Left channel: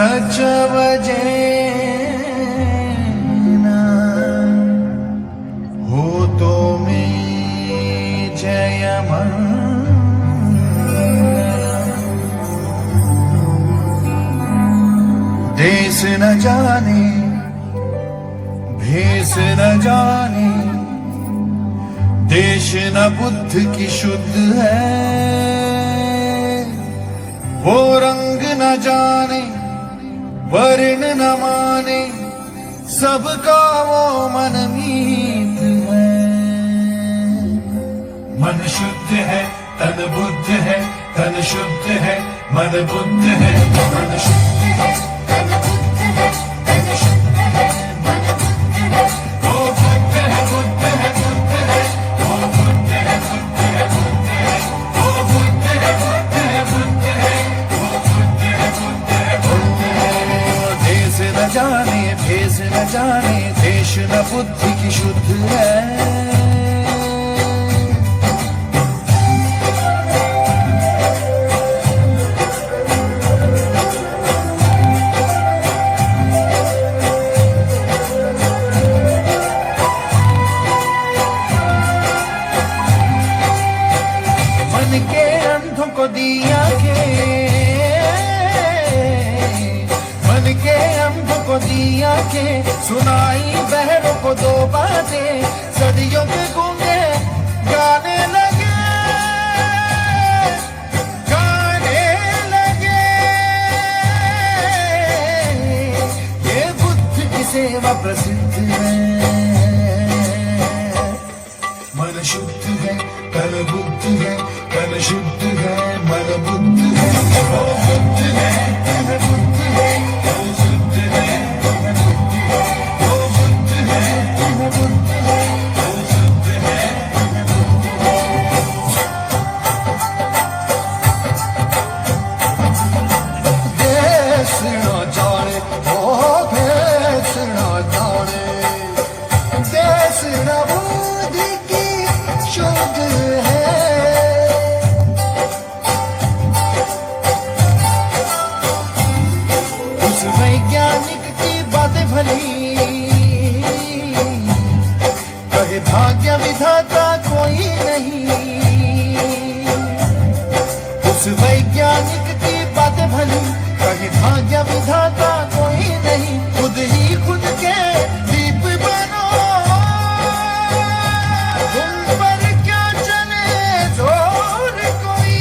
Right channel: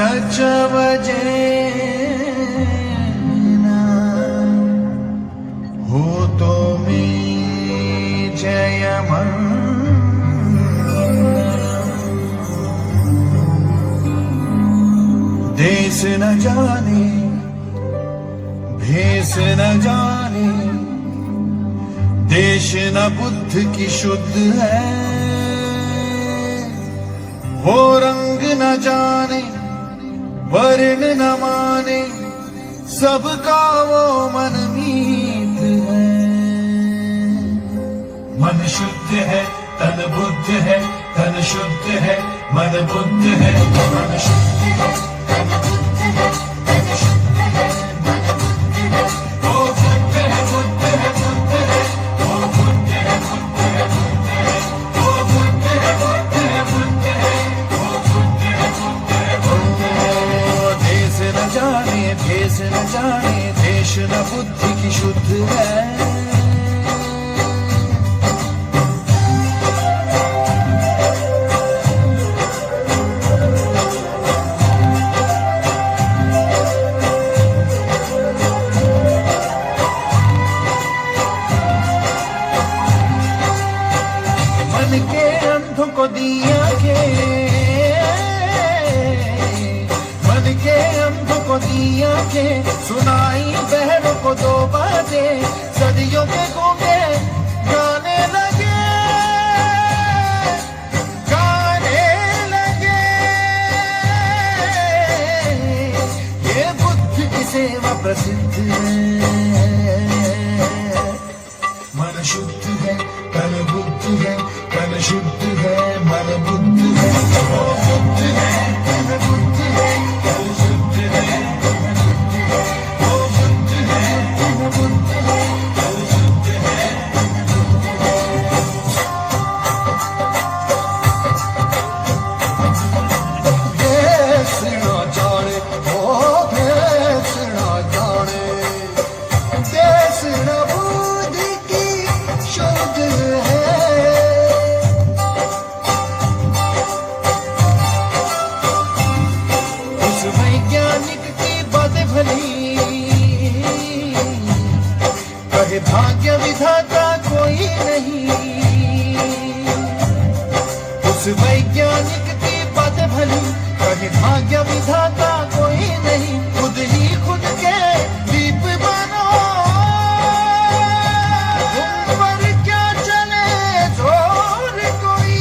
सचवजेना होतो मी देश न जाने भेष न जाने देश न बुद्ध की शुद्ध है वो रंग न जाने वर्ण न माने सबका वो मन मीत है। मन शुद्ध है तन बुद्ध है तन शुद्ध है मन बुद्ध है मन शुद्ध है तन बुद्ध है तन शुद्ध है मन बुद्ध है वो बुद्ध है बुद्ध है बुद्ध है वो बुद्ध है बुद्ध है बुद्ध है वो बुद्ध है बुद्ध है बुद्ध है वो बुद्ध है बुद्ध है बुद्ध है। देश न जाने भेष न जाने देश न बुद्धि की शुद्ध है। मन के अंधों को दिया के मन के अंधों को दिया के सुनाई बहरों को दो बातें सदियों के गूंगे गाने लगे ये बुद्ध की सेवा प्रसिद्ध है। मन शुद्ध है तन बुद्ध है तन शुद्ध है मन बुद्ध है वो बुद्ध है तन बुद्ध है तन शुद्ध है मन बुद्ध है वो बुद्ध है तन बुद्ध है तन शुद्ध है मन बुद्ध है। देश न जाने ओ देश न जाने देश न बुद्धि की शुद्ध है। उस वैज्ञानिक की बातें भली कहे भाग्य विधाता कोई नहीं। उस वैज्ञानिक की बातें भली कहे भाग्य विधाता कोई नहीं। खुद ही खुद के दीप बनो तुम पर क्या चले जोर कोई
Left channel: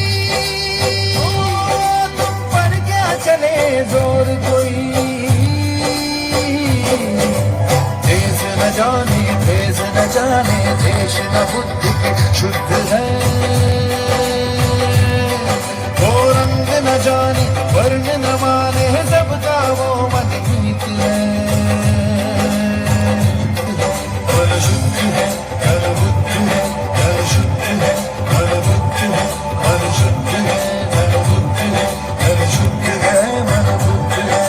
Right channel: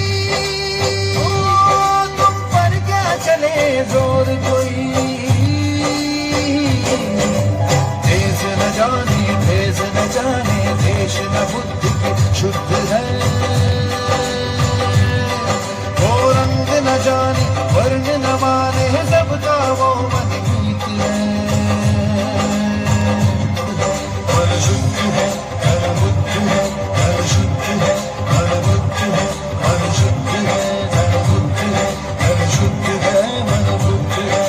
तुम पर क्या चले जोर कोई। देश न जाने भेष न जाने देश न बुद्धि की शुद्ध है वो रंग न जाने वर्ण न माने सबका वो मन मीत है। मन शुद्ध है तन बुद्ध है तन शुद्ध है मन बुद्ध है मन शुद्ध है तन बुद्ध है तन शुद्ध है मन बुद्ध है।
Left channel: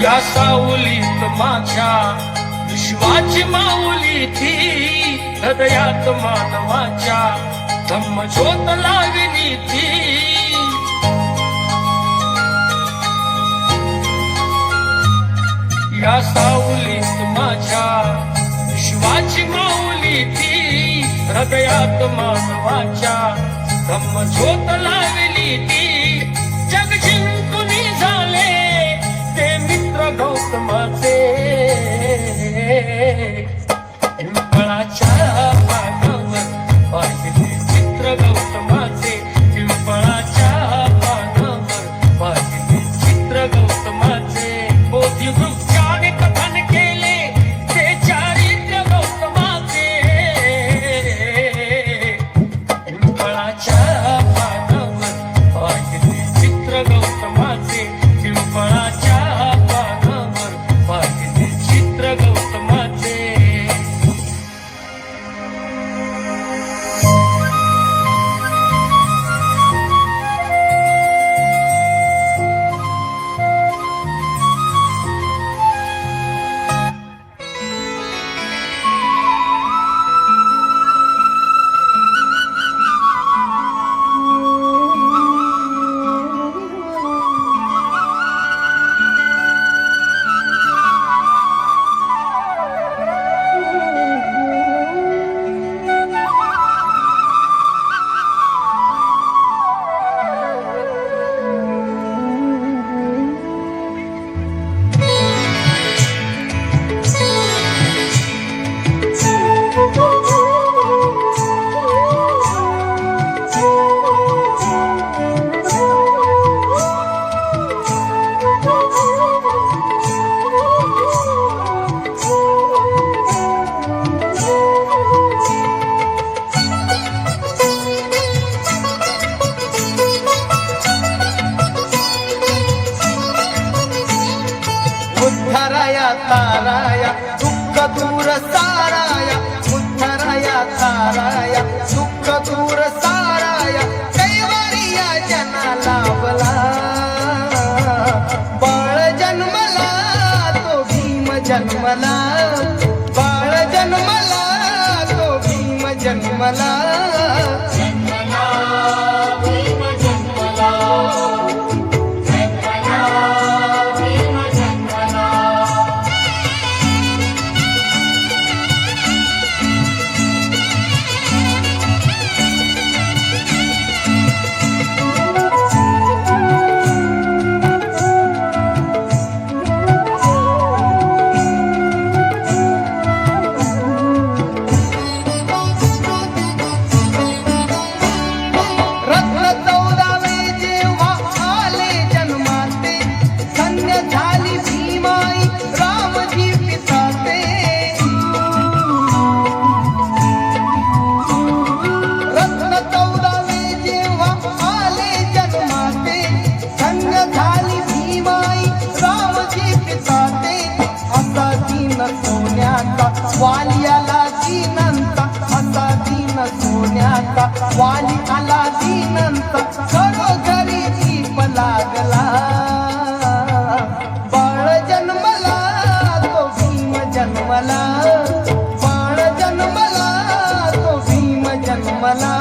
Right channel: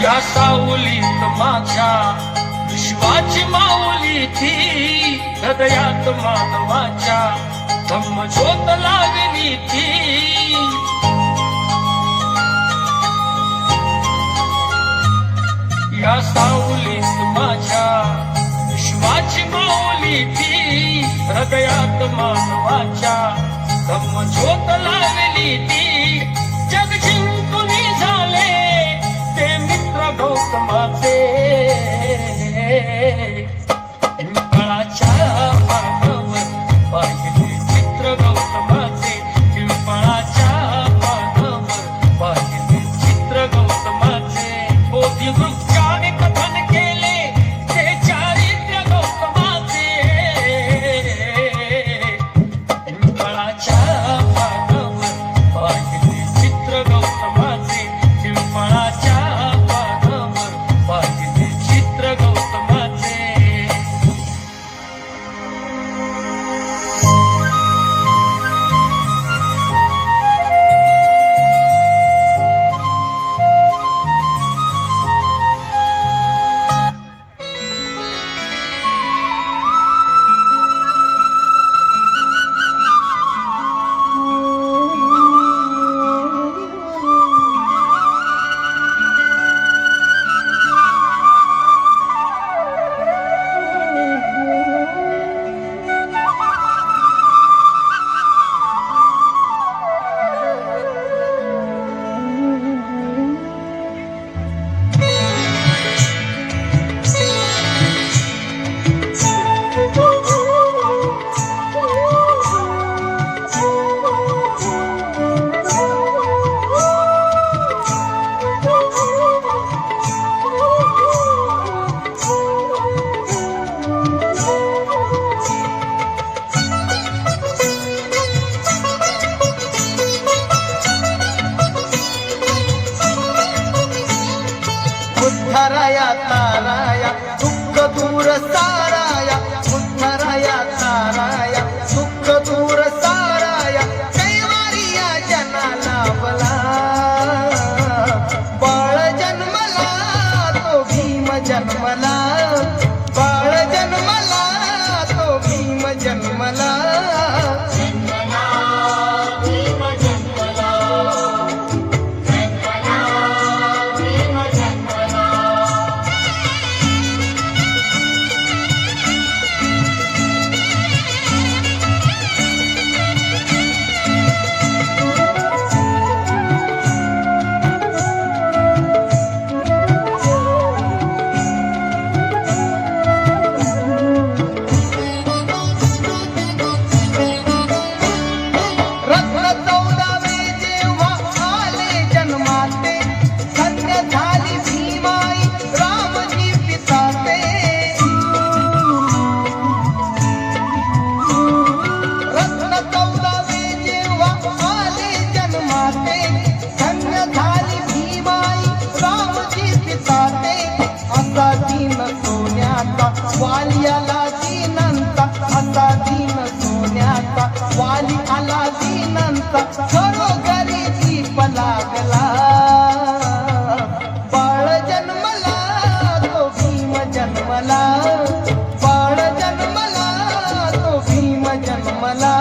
या सावलीत माझ्या विश्वाची माऊली ती हृदयात मानवाच्या धम्मज्योत लागली ती। या सावलीत माझ्या विश्वाची माऊली ती हृदयात मानवाच्या धम्मज्योत लागली ती। जग जिंकून झाले गौतमाचे पिंपळाच्या पानावर पाहिजे चित्र गौतमाचे पिंपळाच्या पानावर पाहिजे चित्र गौतमाचे बोधी वृक्षाने कथन केले ते चारित्र साराया उद्धराया ताराया दुःख दूर साराया कैवारिया जना लाभला बाळ जन्मला तो भीम जन्मला बाळ जन्मला तो भीम जन्मला रत्न 14वे जेव्हा आले जन्माते धन्य झाली भीमाई रामजी पिताते रत्न 14वे जेव्हा आले जन्माते धन्य झाली भीमाई रामजी पिताते असा दीन सोन्याचा वाली आला दीनंत असा दीन सोन्याचा वाली आला दीनंत घरोघरी दीप लागला बाळ जन्मला तो भीम जन्मला बाळ जन्मला तो भीम जन्मला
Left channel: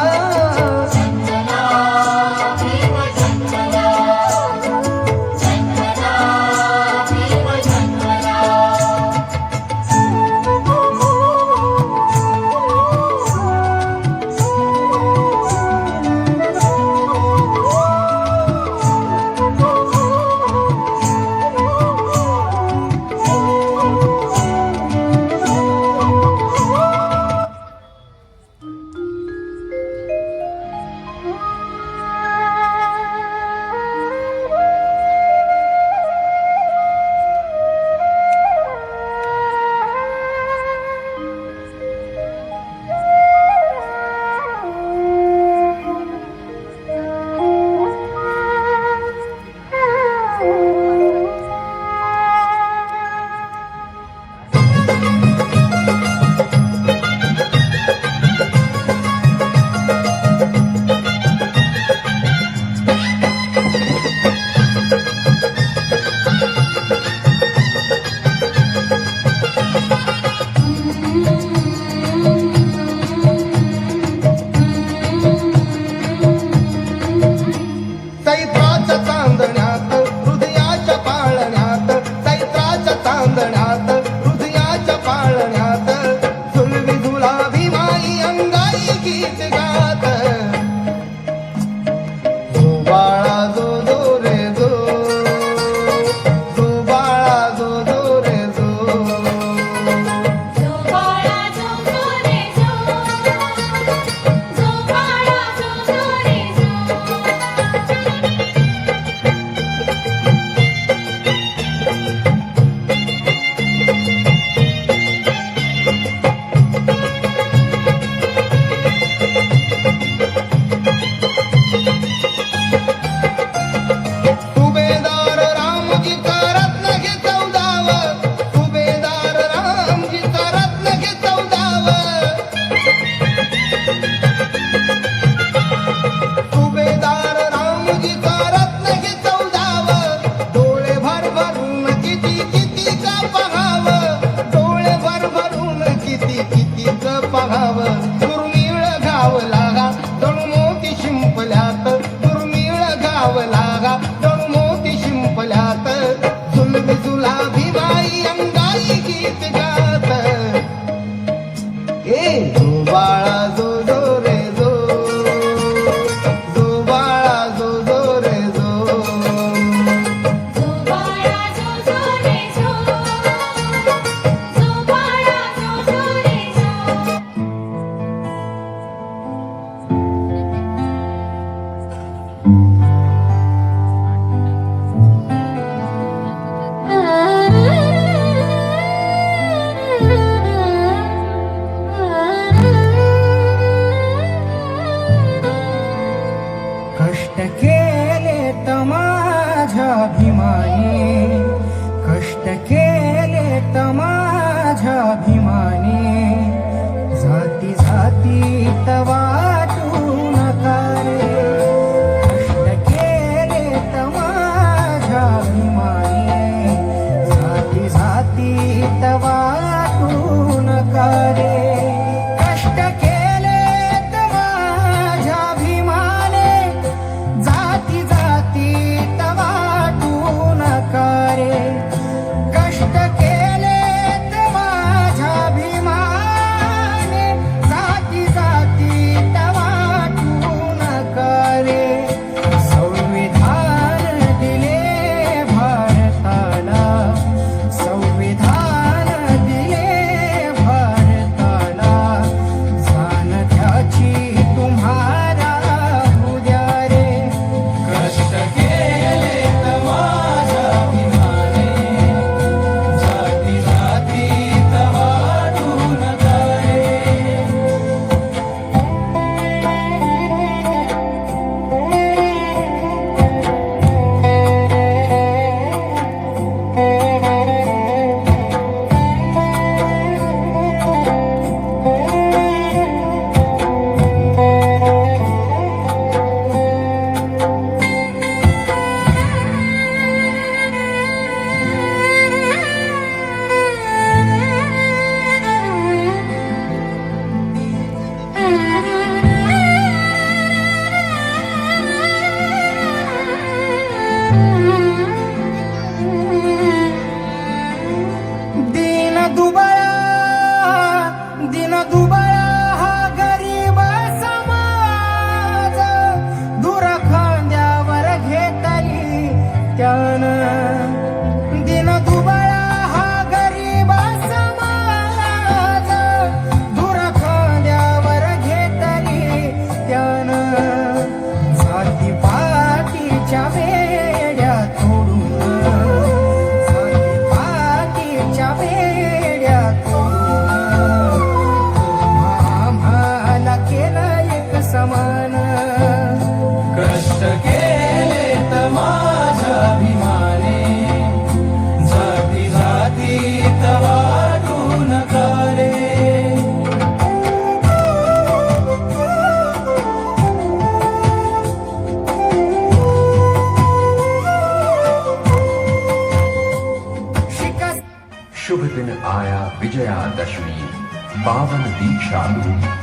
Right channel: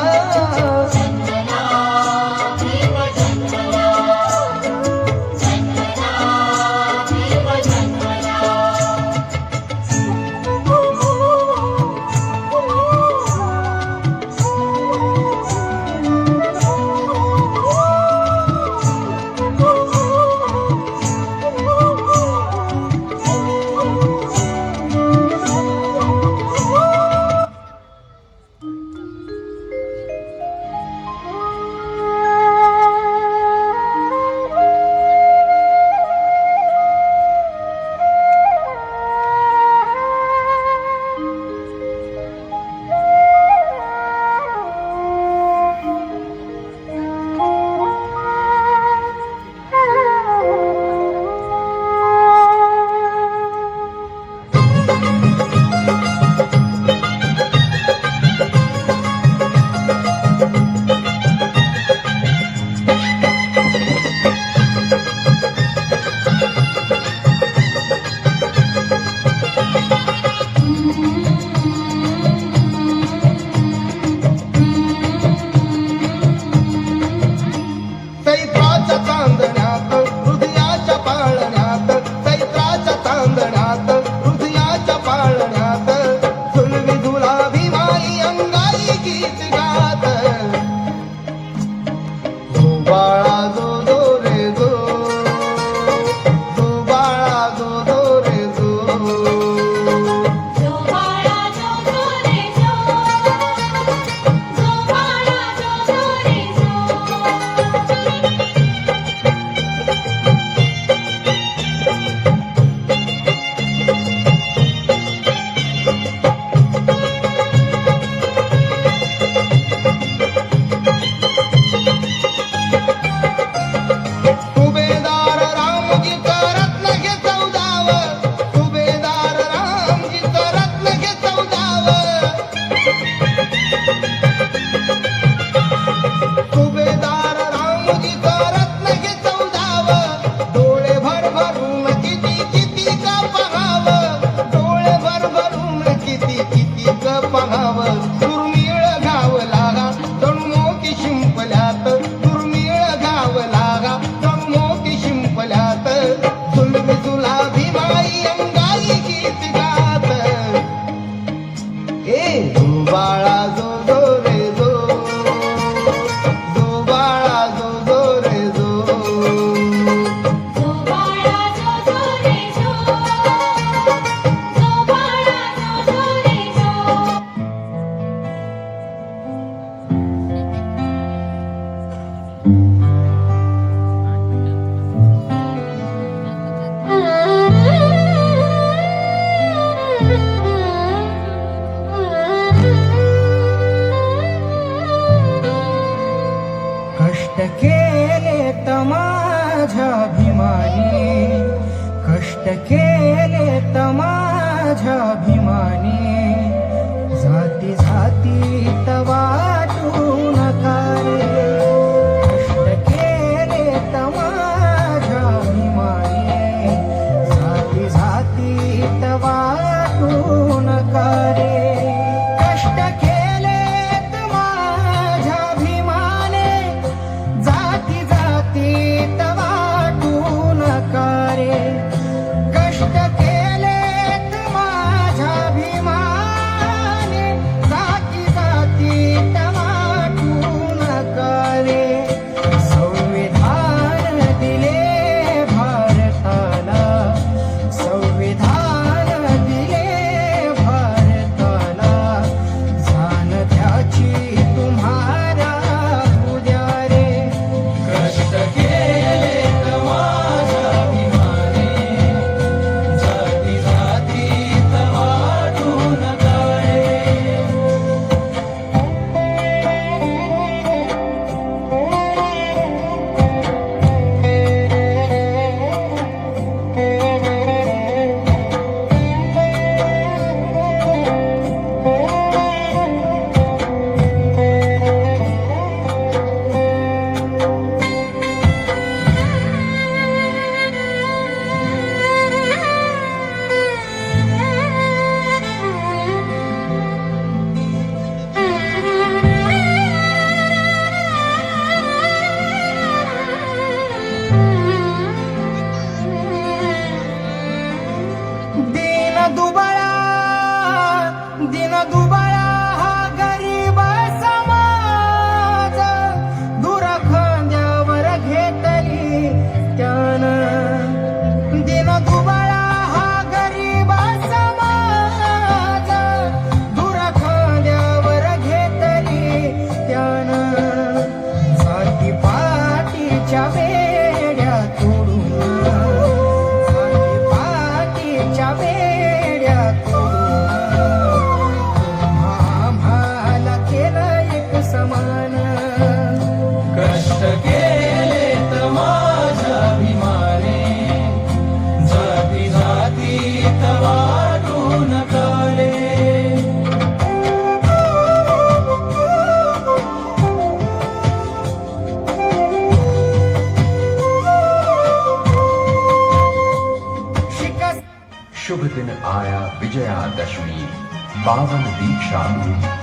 पावन दीक्षा भूमि।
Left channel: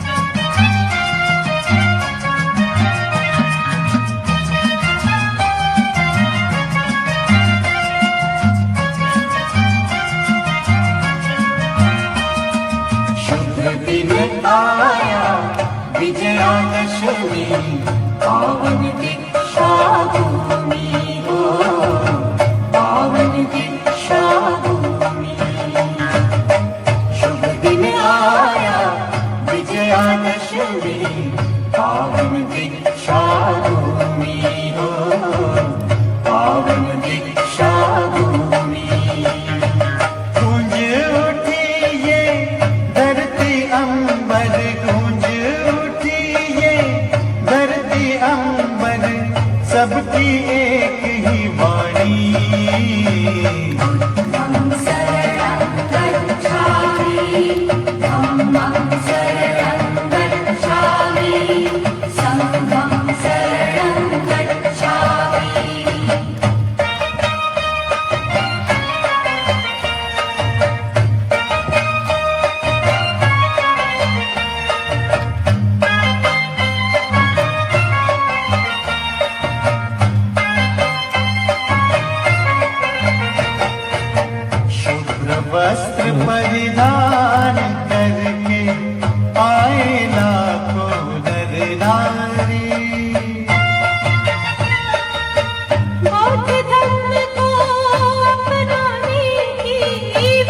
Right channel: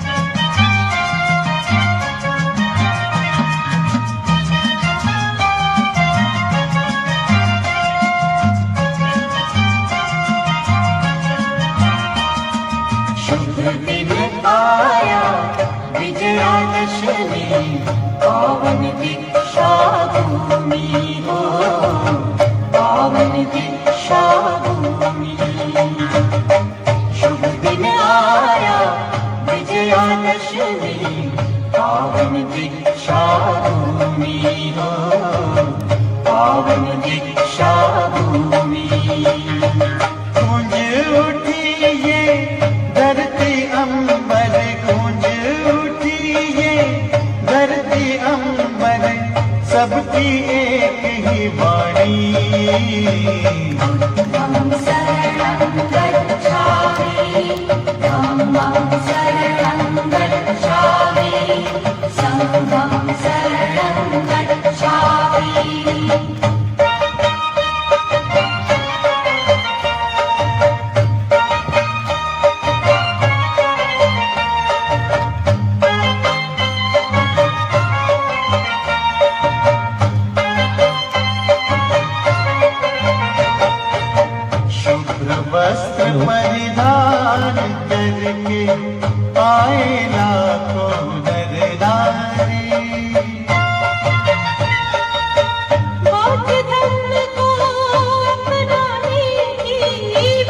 शुभ दिन आया विजयादशमी पावन दीक्षा भूमि हो पावन दीक्षा भूमि। शुभ दिन आया विजयादशमी पावन दीक्षा भूमि हो पावन दीक्षा भूमि। गूंज उठी ये धरती अंबर गूंज उठी ये धरती अंबर सबकी एक ही वाणी। हम शरणं गच्छामि धम्मं शरणं गच्छामि संघं शरणं गच्छामि। शुभ्र वस्त्र परिधान करके आए लाखों नर नारी। बौद्ध धर्म को अपनाने की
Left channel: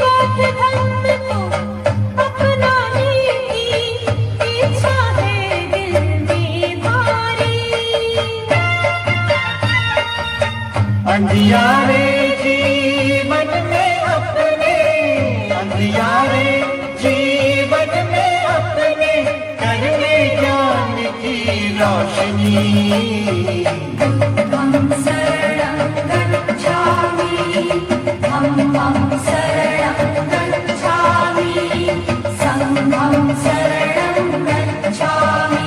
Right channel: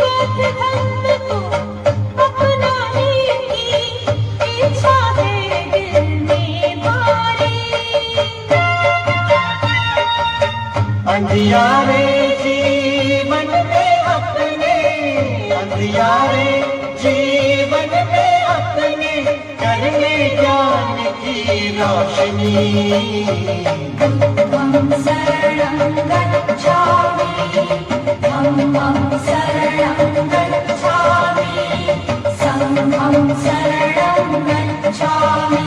बौद्ध धर्म को अपनाने की इच्छा है दिल में भारी। अंधियारे जीवन में अपने अंधियारे जीवन में अपने करने ज्ञान की रोशनी। हम शरणं गच्छामि धम्मं शरणं गच्छामि संघं शरणं गच्छामि।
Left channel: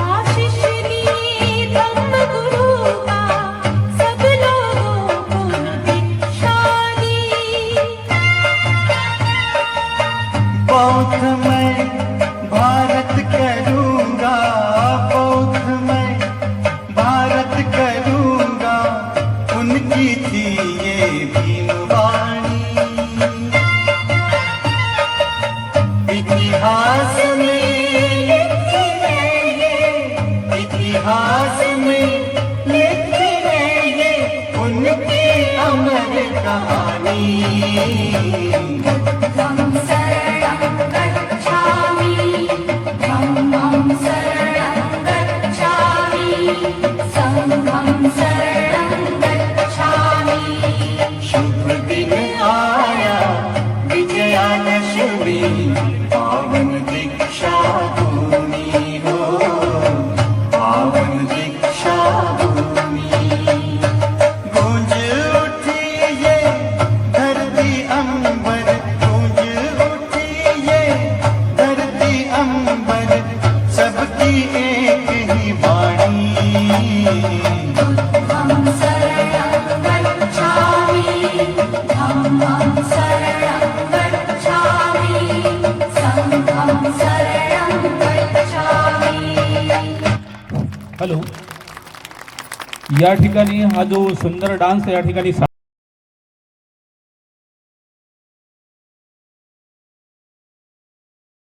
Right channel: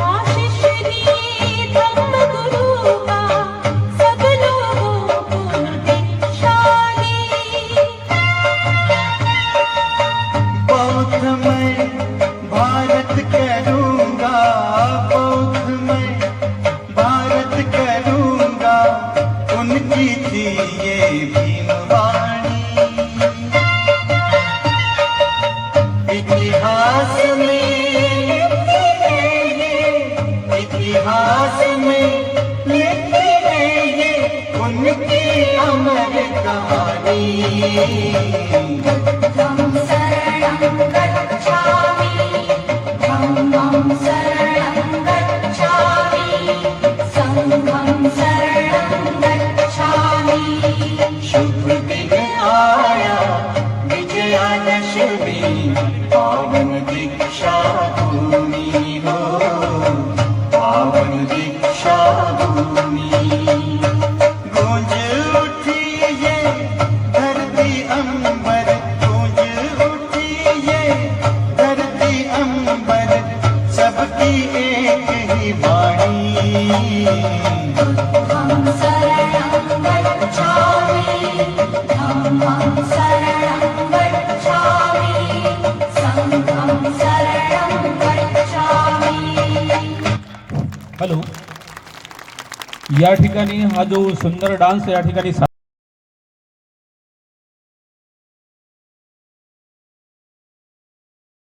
आशीष दी धम्मगुरु का सब लोगों को दीक्षा दी। बौद्ध मैं भारत करूँगा बौद्ध मैं भारत करूँगा उनकी थी ये दीनवाणी। इतिहास में इतिहास में लिखी है ये उनकी अमर कहानी। हम शरणं गच्छामि धम्मं शरणं गच्छामि संघं शरणं गच्छामि। शुभ दिन आया विजयादशमी पावन दीक्षा भूमि हो पावन दीक्षा भूमि। गूंज उठी ये धरती अंबर गूंज उठी ये धरती अंबर सबकी एक ही वाणी। हम शरणं गच्छामि धम्मं शरणं गच्छामि संघं शरणं गच्छामि। हॅलो, या ठिकाणी हा जो सुंदर डान्स या ठिकाणी